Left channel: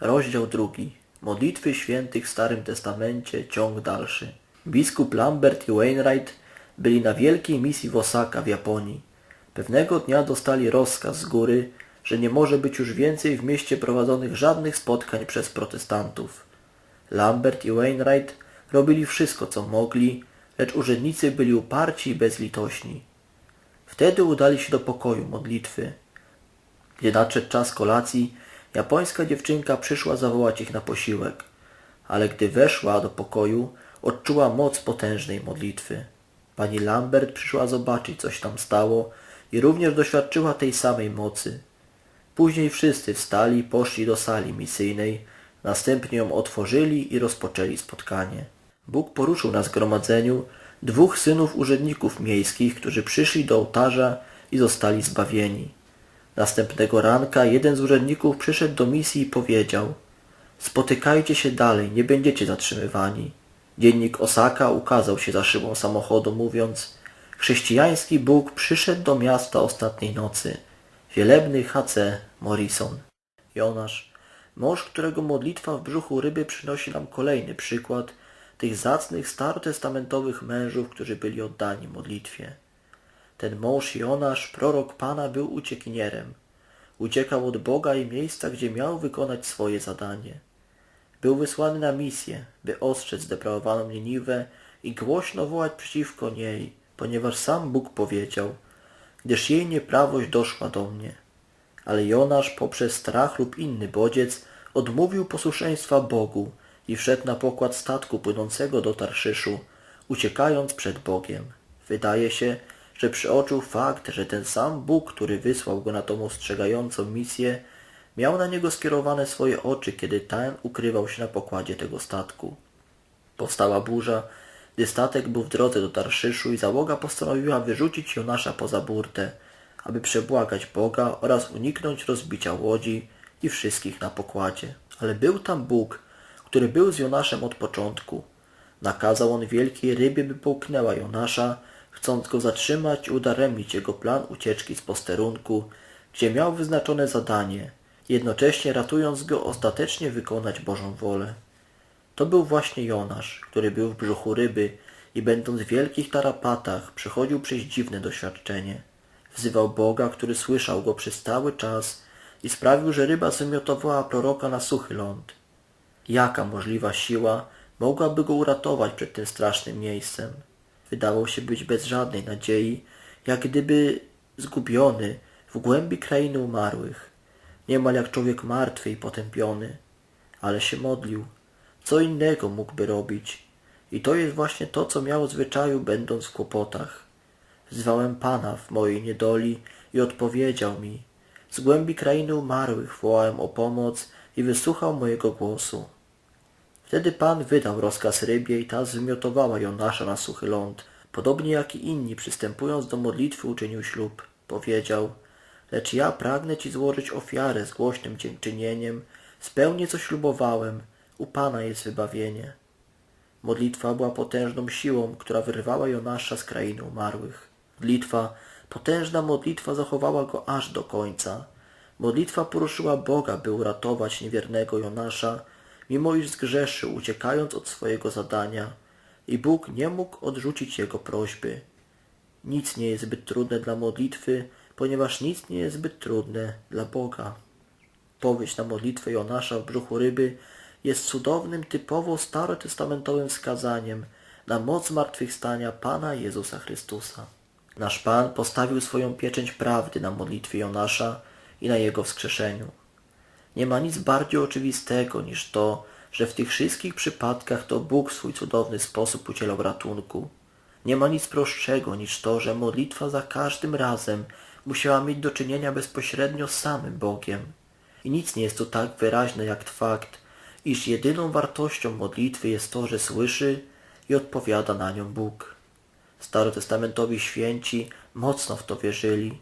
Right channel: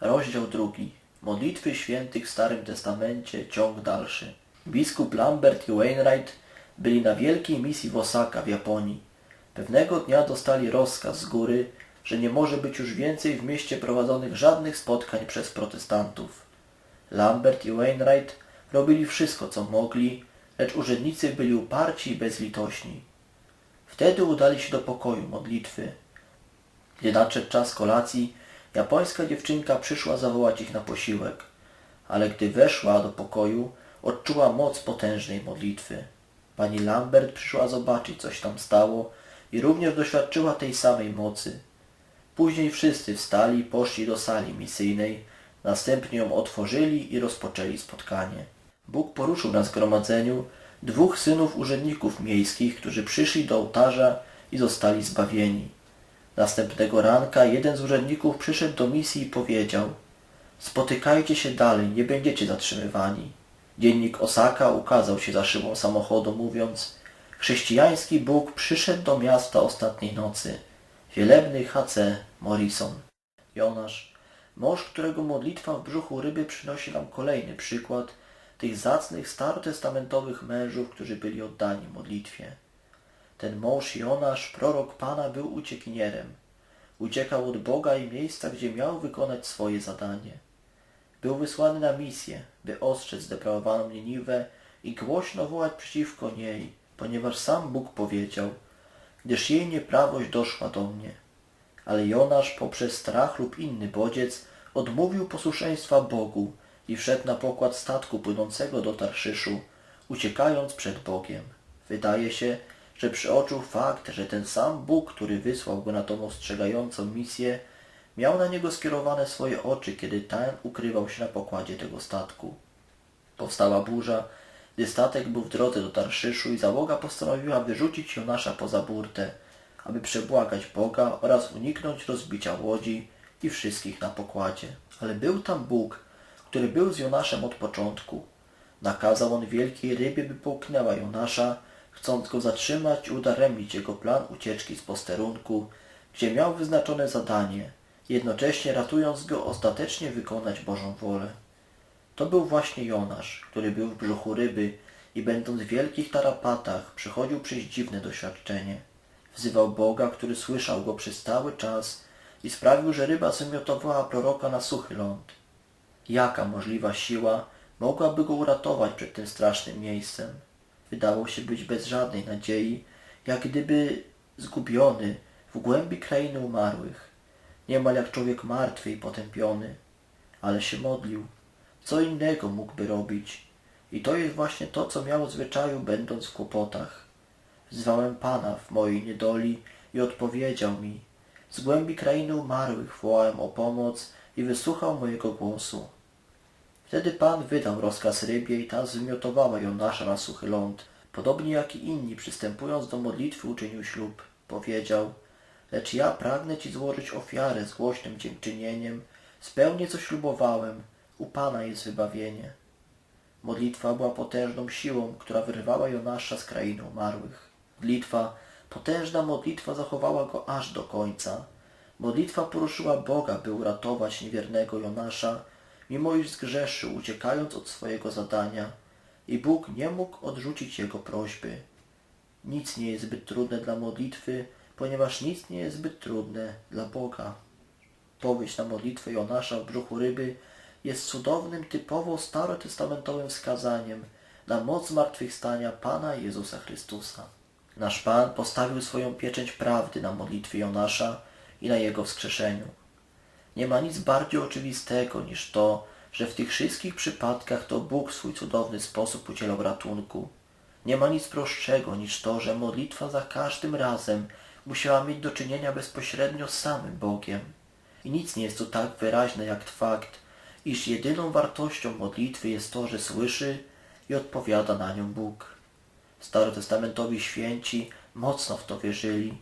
Rozdział drugi. Modlitwy świętych w Starym Testamencie, ciąg dalszy. Biskup Lambert i Wainwright byli na wielkiej misji w Osaka w Japonii. Pewnego dnia dostali rozkaz z góry, że nie może być już więcej w mieście prowadzonych żadnych spotkań przez protestantów. Lambert i Wainwright robili wszystko, co mogli, lecz urzędnicy byli uparci i bezlitośni. Wtedy udali się do pokoju modlitwy. Gdy nadszedł czas kolacji, japońska dziewczynka przyszła zawołać ich na posiłek. Ale gdy weszła do pokoju, odczuła moc potężnej modlitwy. Pani Lambert przyszła zobaczyć, coś tam stało i również doświadczyła tej samej mocy. Później wszyscy wstali i poszli do sali misyjnej, następnie ją otworzyli i rozpoczęli spotkanie. Bóg poruszył na zgromadzeniu dwóch synów urzędników miejskich, którzy przyszli do ołtarza i zostali zbawieni. Następnego ranka jeden z urzędników przyszedł do misji i powiedział Spotykajcie się dalej, nie będziecie zatrzymywani. Dziennik Osaka ukazał się za szybą samochodu, mówiąc Chrześcijański Bóg przyszedł do miasta ostatniej nocy. Wielebny H.C. Morrison. Jonasz, mąż, którego modlitwa w brzuchu ryby przynosi nam kolejny przykład tych zacnych starotestamentowych mężów, którzy byli oddani modlitwie. Ten mąż Jonasz, prorok Pana, był uciekinierem. Uciekał od Boga i miejsca, gdzie miał wykonać swoje zadanie. Był wysłany na misję, by ostrzec zdeprawowaną Niniwę i głośno wołać przeciwko niej, ponieważ sam Bóg powiedział, gdyż jej nieprawość doszła do mnie. Ale Jonasz poprzez strach lub inny bodziec odmówił posłuszeństwa Bogu i wszedł na pokład statku płynącego do Tarszyszu, uciekając przed Bogiem. Wydaje się, że przeoczył fakt, że ten sam Bóg, który wysłał go na tą ostrzegającą misję, miał na niego skierowane swoje oczy, kiedy ten ukrywał się na pokładzie tego statku. Powstała burza, gdy statek był w drodze do Tarszyszu i załoga postanowiła wyrzucić Jonasza poza burtę, aby przebłagać Boga oraz uniknąć rozbicia łodzi i wszystkich na pokładzie. Ale był tam Bóg, który był z Jonaszem od początku. Nakazał on wielkiej rybie, by połknęła Jonasza, chcąc go zatrzymać i udaremnić jego plan ucieczki z posterunku, gdzie miał wyznaczone zadanie, jednocześnie ratując go ostatecznie wykonać Bożą wolę. To był właśnie Jonasz, który był w brzuchu ryby i będąc w wielkich tarapatach przechodził przez dziwne doświadczenie. Wzywał Boga, który słyszał go przez cały czas i sprawił, że ryba wymiotowała proroka na suchy ląd. Jaka możliwa siła mogłaby go uratować przed tym strasznym miejscem? Wydało się być bez żadnej nadziei, jak gdyby zgubiony w głębi krainy umarłych. Niemal jak człowiek martwy i potępiony. Ale się modlił. Co innego mógłby robić? I to jest właśnie to, co miał w zwyczaju, będąc w kłopotach. Wzwałem Pana w mojej niedoli i odpowiedział mi. Z głębi krainy umarłych wołałem o pomoc i wysłuchał mojego głosu. Wtedy Pan wydał rozkaz rybie i ta zwymiotowała Jonasza na suchy ląd. Podobnie jak i inni, przystępując do modlitwy, uczynił ślub. Powiedział, lecz ja pragnę Ci złożyć ofiarę z głośnym dziękczynieniem. Spełnię, co ślubowałem. U Pana jest wybawienie. Modlitwa była potężną siłą, która wyrwała Jonasza z krainy umarłych. Modlitwa, potężna modlitwa zachowała go aż do końca. Modlitwa poruszyła Boga, by uratować niewiernego Jonasza, mimo iż zgrzeszył, uciekając od swojego zadania. I Bóg nie mógł odrzucić jego prośby. Nic nie jest zbyt trudne dla modlitwy, ponieważ nic nie jest zbyt trudne dla Boga. Powieść na modlitwę Jonasza w brzuchu ryby jest cudownym, typowo starotestamentowym wskazaniem na moc zmartwychwstania Pana Jezusa Chrystusa. Nasz Pan postawił swoją pieczęć prawdy na modlitwie Jonasza i na jego wskrzeszeniu. Nie ma nic bardziej oczywistego niż to, że w tych wszystkich przypadkach to Bóg w swój cudowny sposób udzielał ratunku. Nie ma nic prostszego niż to, że modlitwa za każdym razem musiała mieć do czynienia bezpośrednio z samym Bogiem. I nic nie jest tu tak wyraźne jak fakt, iż jedyną wartością modlitwy jest to, że słyszy i odpowiada na nią Bóg. Starotestamentowi święci mocno w to wierzyli.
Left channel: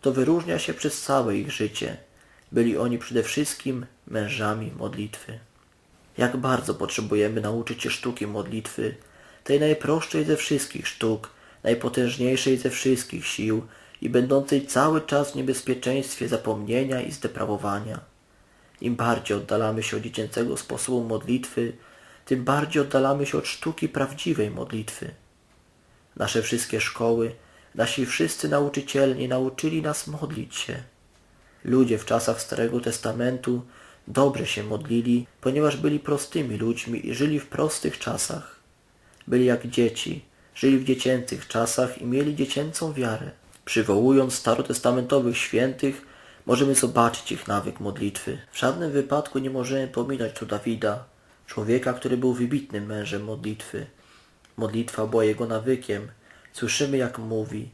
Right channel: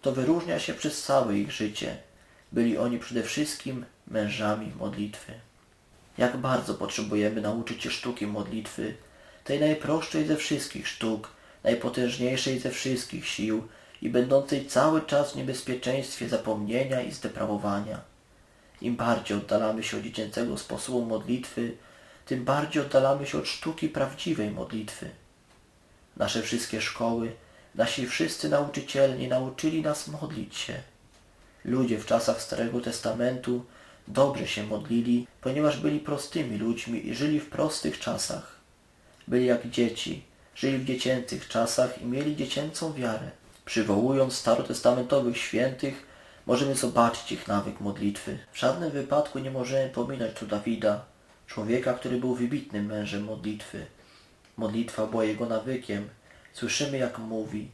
To wyróżnia się przez całe ich życie. Byli oni przede wszystkim mężami modlitwy. Jak bardzo potrzebujemy nauczyć się sztuki modlitwy, tej najprostszej ze wszystkich sztuk, najpotężniejszej ze wszystkich sił i będącej cały czas w niebezpieczeństwie zapomnienia i zdeprawowania. Im bardziej oddalamy się od dziecięcego sposobu modlitwy, tym bardziej oddalamy się od sztuki prawdziwej modlitwy. Nasze wszystkie szkoły, nasi wszyscy nauczyciele nie nauczyli nas modlić się. Ludzie w czasach Starego Testamentu dobrze się modlili, ponieważ byli prostymi ludźmi i żyli w prostych czasach. Byli jak dzieci, żyli w dziecięcych czasach i mieli dziecięcą wiarę. Przywołując starotestamentowych świętych, możemy zobaczyć ich nawyk modlitwy. W żadnym wypadku nie możemy pominąć tu Dawida, człowieka, który był wybitnym mężem modlitwy. Modlitwa była jego nawykiem. Słyszymy, jak mówi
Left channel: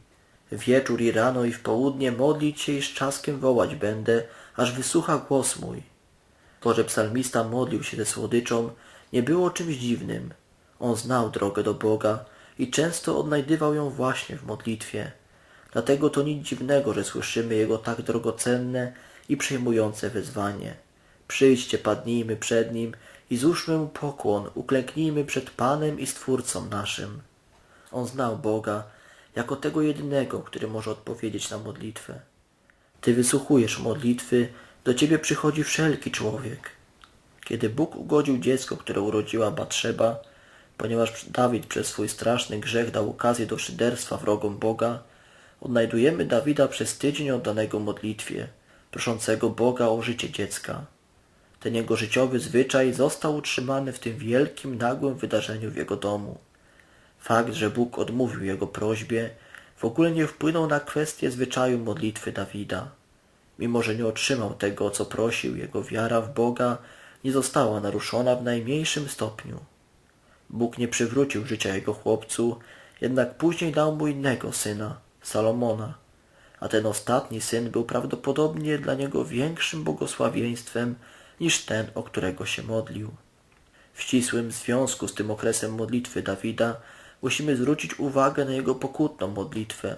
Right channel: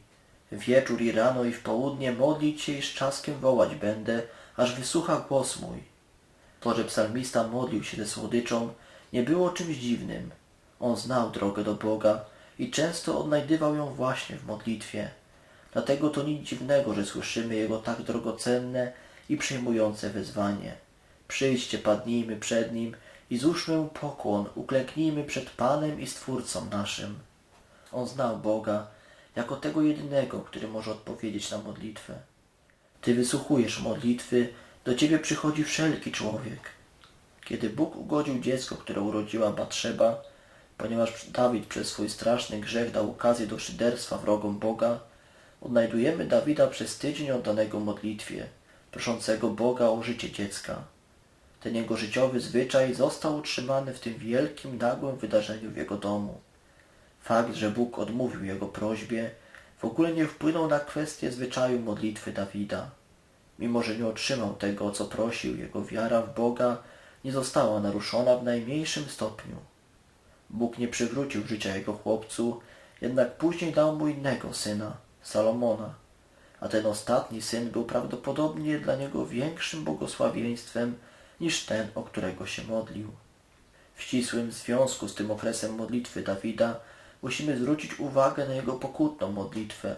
Wieczór i rano i w południe modlić się i z czaskiem wołać będę, aż wysłucha głos mój. To, że psalmista modlił się ze słodyczą, nie było czymś dziwnym. On znał drogę do Boga i często odnajdywał ją właśnie w modlitwie. Dlatego to nic dziwnego, że słyszymy jego tak drogocenne i przejmujące wezwanie. Przyjdźcie, padnijmy przed Nim i złóżmy Mu pokłon, uklęknijmy przed Panem i Stwórcą naszym. On znał Boga jako tego jedynego, który może odpowiedzieć na modlitwę. Ty wysłuchujesz modlitwy, do Ciebie przychodzi wszelki człowiek. Kiedy Bóg ugodził dziecko, które urodziła Batrzeba, ponieważ Dawid przez swój straszny grzech dał okazję do szyderstwa wrogom Boga, odnajdujemy Dawida przez tydzień oddanego modlitwie, proszącego Boga o życie dziecka. Ten jego życiowy zwyczaj został utrzymany w tym wielkim, nagłym wydarzeniu w jego domu. Fakt, że Bóg odmówił jego prośbie, w ogóle nie wpłynął na kwestię zwyczaju modlitwy Dawida. Mimo, że nie otrzymał tego, o co prosił, jego wiara w Boga nie została naruszona w najmniejszym stopniu. Bóg nie przywrócił życia jego chłopcu, jednak później dał mu innego syna, Salomona, a ten ostatni syn był prawdopodobnie dla niego większym błogosławieństwem niż ten, o którego się modlił. W ścisłym związku z tym okresem modlitwy Dawida musimy zwrócić uwagę na jego pokutną modlitwę,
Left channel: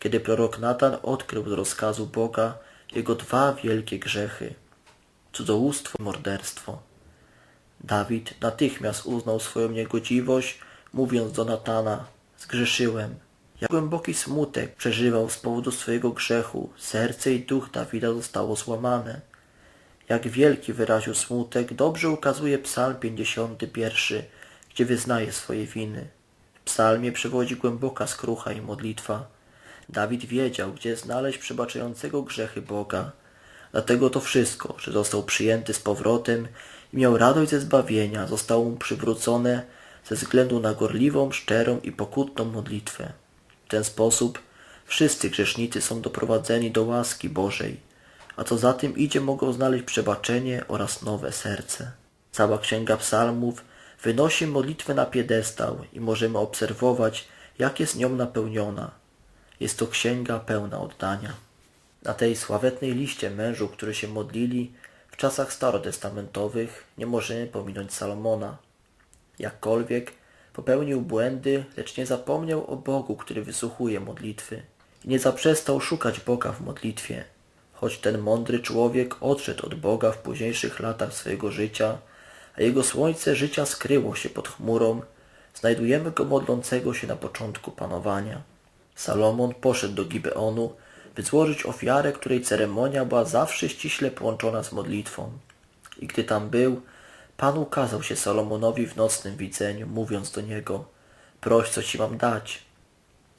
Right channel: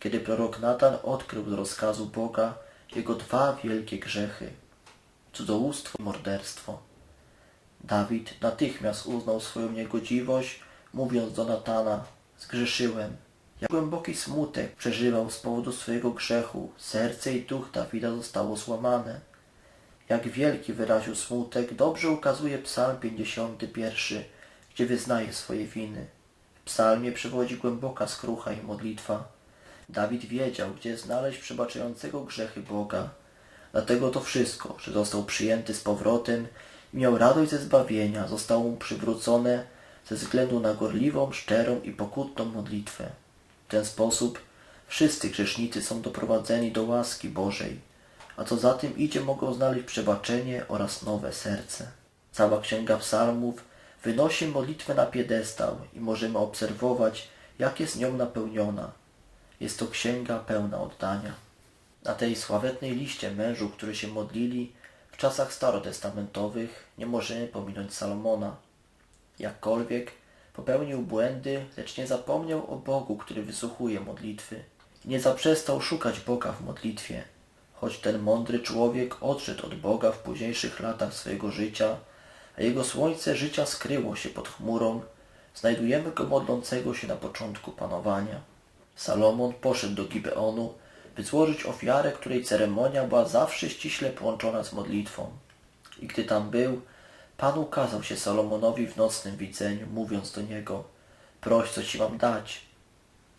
kiedy prorok Natan odkrył z rozkazu Boga jego dwa wielkie grzechy cudzołóstwo i morderstwo. Dawid natychmiast uznał swoją niegodziwość, mówiąc do Natana zgrzeszyłem. Jak głęboki smutek przeżywał z powodu swojego grzechu, serce i duch Dawida zostało złamane. Jak wielki wyraził smutek, dobrze ukazuje psalm 51, gdzie wyznaje swoje winy. Psalmie przewodzi głęboka skrucha i modlitwa. Dawid wiedział, gdzie znaleźć przebaczającego grzechy Boga. Dlatego to wszystko, że został przyjęty z powrotem i miał radość ze zbawienia, zostało mu przywrócone ze względu na gorliwą, szczerą i pokutną modlitwę. W ten sposób wszyscy grzesznicy są doprowadzeni do łaski Bożej, a co za tym idzie mogą znaleźć przebaczenie oraz nowe serce. Cała Księga Psalmów wynosi modlitwę na piedestał i możemy obserwować, jak jest nią napełniona. Jest to księga pełna oddania. Na tej sławetnej liście mężów, którzy się modlili w czasach starotestamentowych, nie możemy pominąć Salomona. Jakkolwiek popełnił błędy, lecz nie zapomniał o Bogu, który wysłuchuje modlitwy. I nie zaprzestał szukać Boga w modlitwie. Choć ten mądry człowiek odszedł od Boga w późniejszych latach swojego życia, a jego słońce życia skryło się pod chmurą, znajdujemy go modlącego się na początku panowania. Salomon poszedł do Gibeonu, by złożyć ofiarę, której ceremonia była zawsze ściśle połączona z modlitwą. I gdy tam był, Pan ukazał się Salomonowi w nocnym widzeniu, mówiąc do niego proś, co ci mam dać.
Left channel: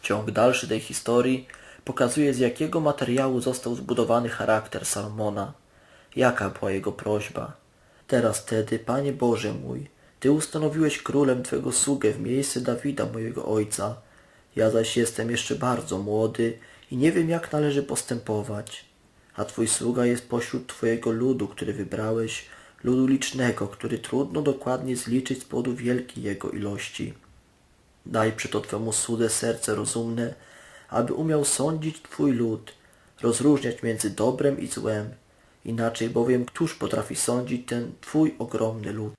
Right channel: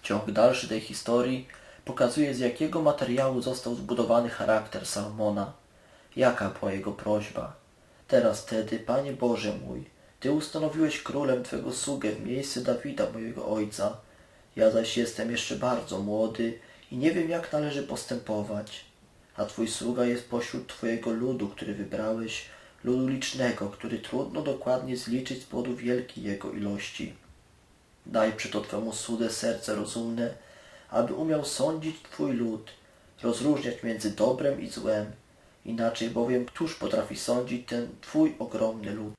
Ciąg dalszy tej historii pokazuje, z jakiego materiału został zbudowany charakter Salomona, jaka była jego prośba. Teraz tedy, Panie Boże mój, Ty ustanowiłeś królem Twego sługę w miejsce Dawida, mojego ojca. Ja zaś jestem jeszcze bardzo młody i nie wiem, jak należy postępować. A Twój sługa jest pośród Twojego ludu, który wybrałeś, ludu licznego, który trudno dokładnie zliczyć z powodu wielkiej jego ilości. Daj przeto Twemu słudze serce rozumne, aby umiał sądzić Twój lud, rozróżniać między dobrem i złem. Inaczej bowiem któż potrafi sądzić ten Twój ogromny lud?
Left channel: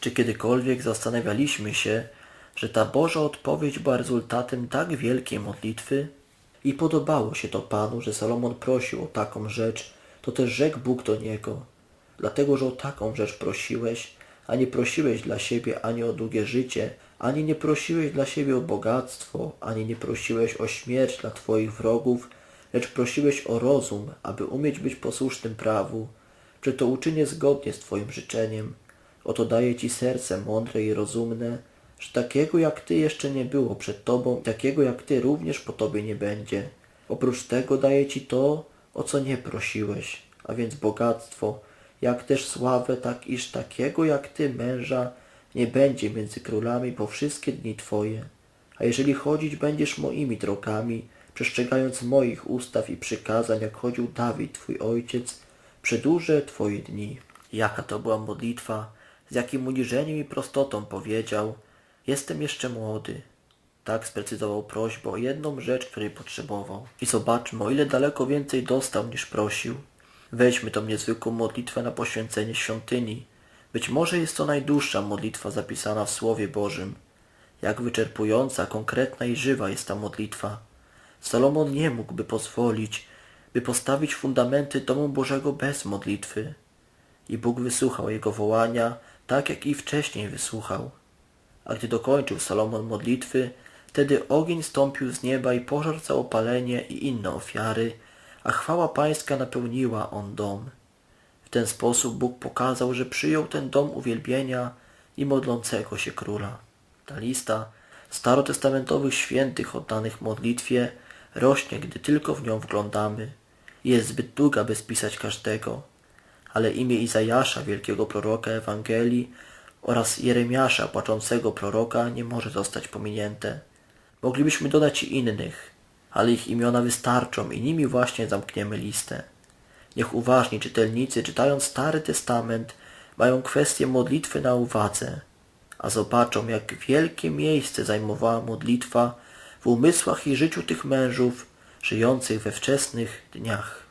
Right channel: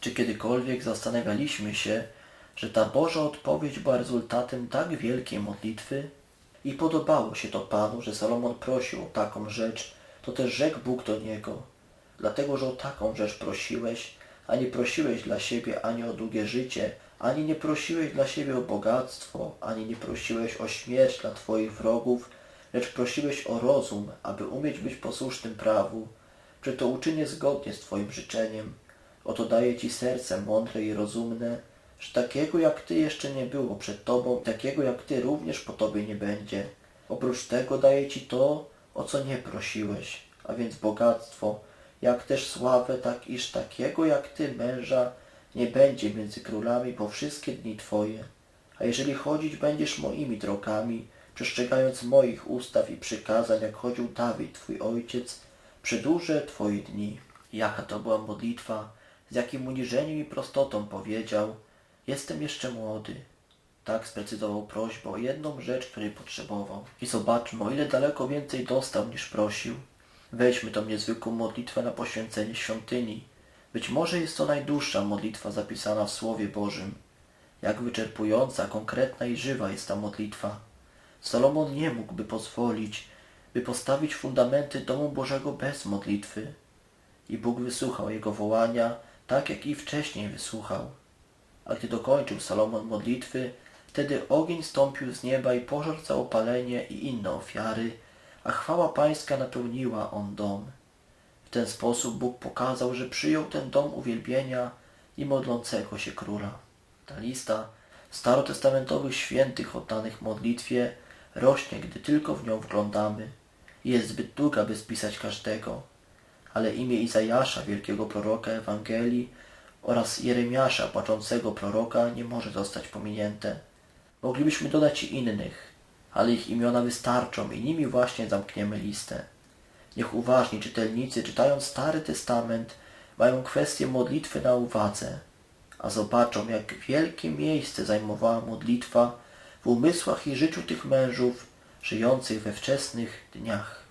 Czy kiedykolwiek zastanawialiśmy się, że ta Boża odpowiedź była rezultatem tak wielkiej modlitwy? I podobało się to Panu, że Salomon prosił o taką rzecz, to też rzekł Bóg do niego. Dlatego, że o taką rzecz prosiłeś, a nie prosiłeś dla siebie ani o długie życie, ani nie prosiłeś dla siebie o bogactwo, ani nie prosiłeś o śmierć dla Twoich wrogów, lecz prosiłeś o rozum, aby umieć być posłusznym prawu. czy to uczynię zgodnie z Twoim życzeniem. Oto daję Ci serce mądre i rozumne, że takiego jak Ty jeszcze nie było przed Tobą takiego jak Ty również po Tobie nie będzie. Oprócz tego daję Ci to, o co nie prosiłeś, a więc bogactwo, jak też sławę, tak iż takiego jak Ty męża nie będzie między królami po wszystkie dni Twoje. A jeżeli chodzić będziesz moimi drogami, przestrzegając moich ustaw i przykazań, jak chodził Dawid, Twój ojciec, przedłużę Twoje dni. Jaka to była modlitwa, z jakim uniżeniem i prostotą powiedział, jestem jeszcze młody. Tak sprecyzował prośbę o jedną rzecz, której potrzebował. I zobaczmy, o ile daleko więcej dostał niż prosił. Weźmy tą niezwykłą modlitwę na poświęcenie świątyni. Być może jest to najdłuższa modlitwa zapisana w Słowie Bożym. Jak wyczerpująca, konkretna i żywa jest ta modlitwa. Salomon nie mógłby pozwolić, by postawić fundamenty domu Bożego bez modlitwy. I Bóg wysłuchał jego wołania, tak jak i wcześniej wysłuchał. A gdy dokończył Salomon modlitwy, wtedy ogień stąpił z nieba i pożar całopalenie i inne ofiary, a chwała pańska napełniła on dom. W ten sposób Bóg pokazał, że przyjął ten dom uwielbienia i modlącego się króla. Ta lista starotestamentowych świętych oddanych modlitwie rośnie, gdy tylko w nią wglądamy. Jest zbyt długa, by spisać każdego, ale imię Izajasza, wielkiego proroka Ewangelii oraz Jeremiasza, płaczącego proroka, nie może zostać pominięte. Moglibyśmy dodać i innych, ale ich imiona wystarczą i nimi właśnie zamkniemy listę. Niech uważni czytelnicy, czytając Stary Testament, mają kwestię modlitwy na uwadze, a zobaczą, jak wielkie miejsce zajmowała modlitwa w umysłach i życiu tych mężów żyjących we wczesnych dniach.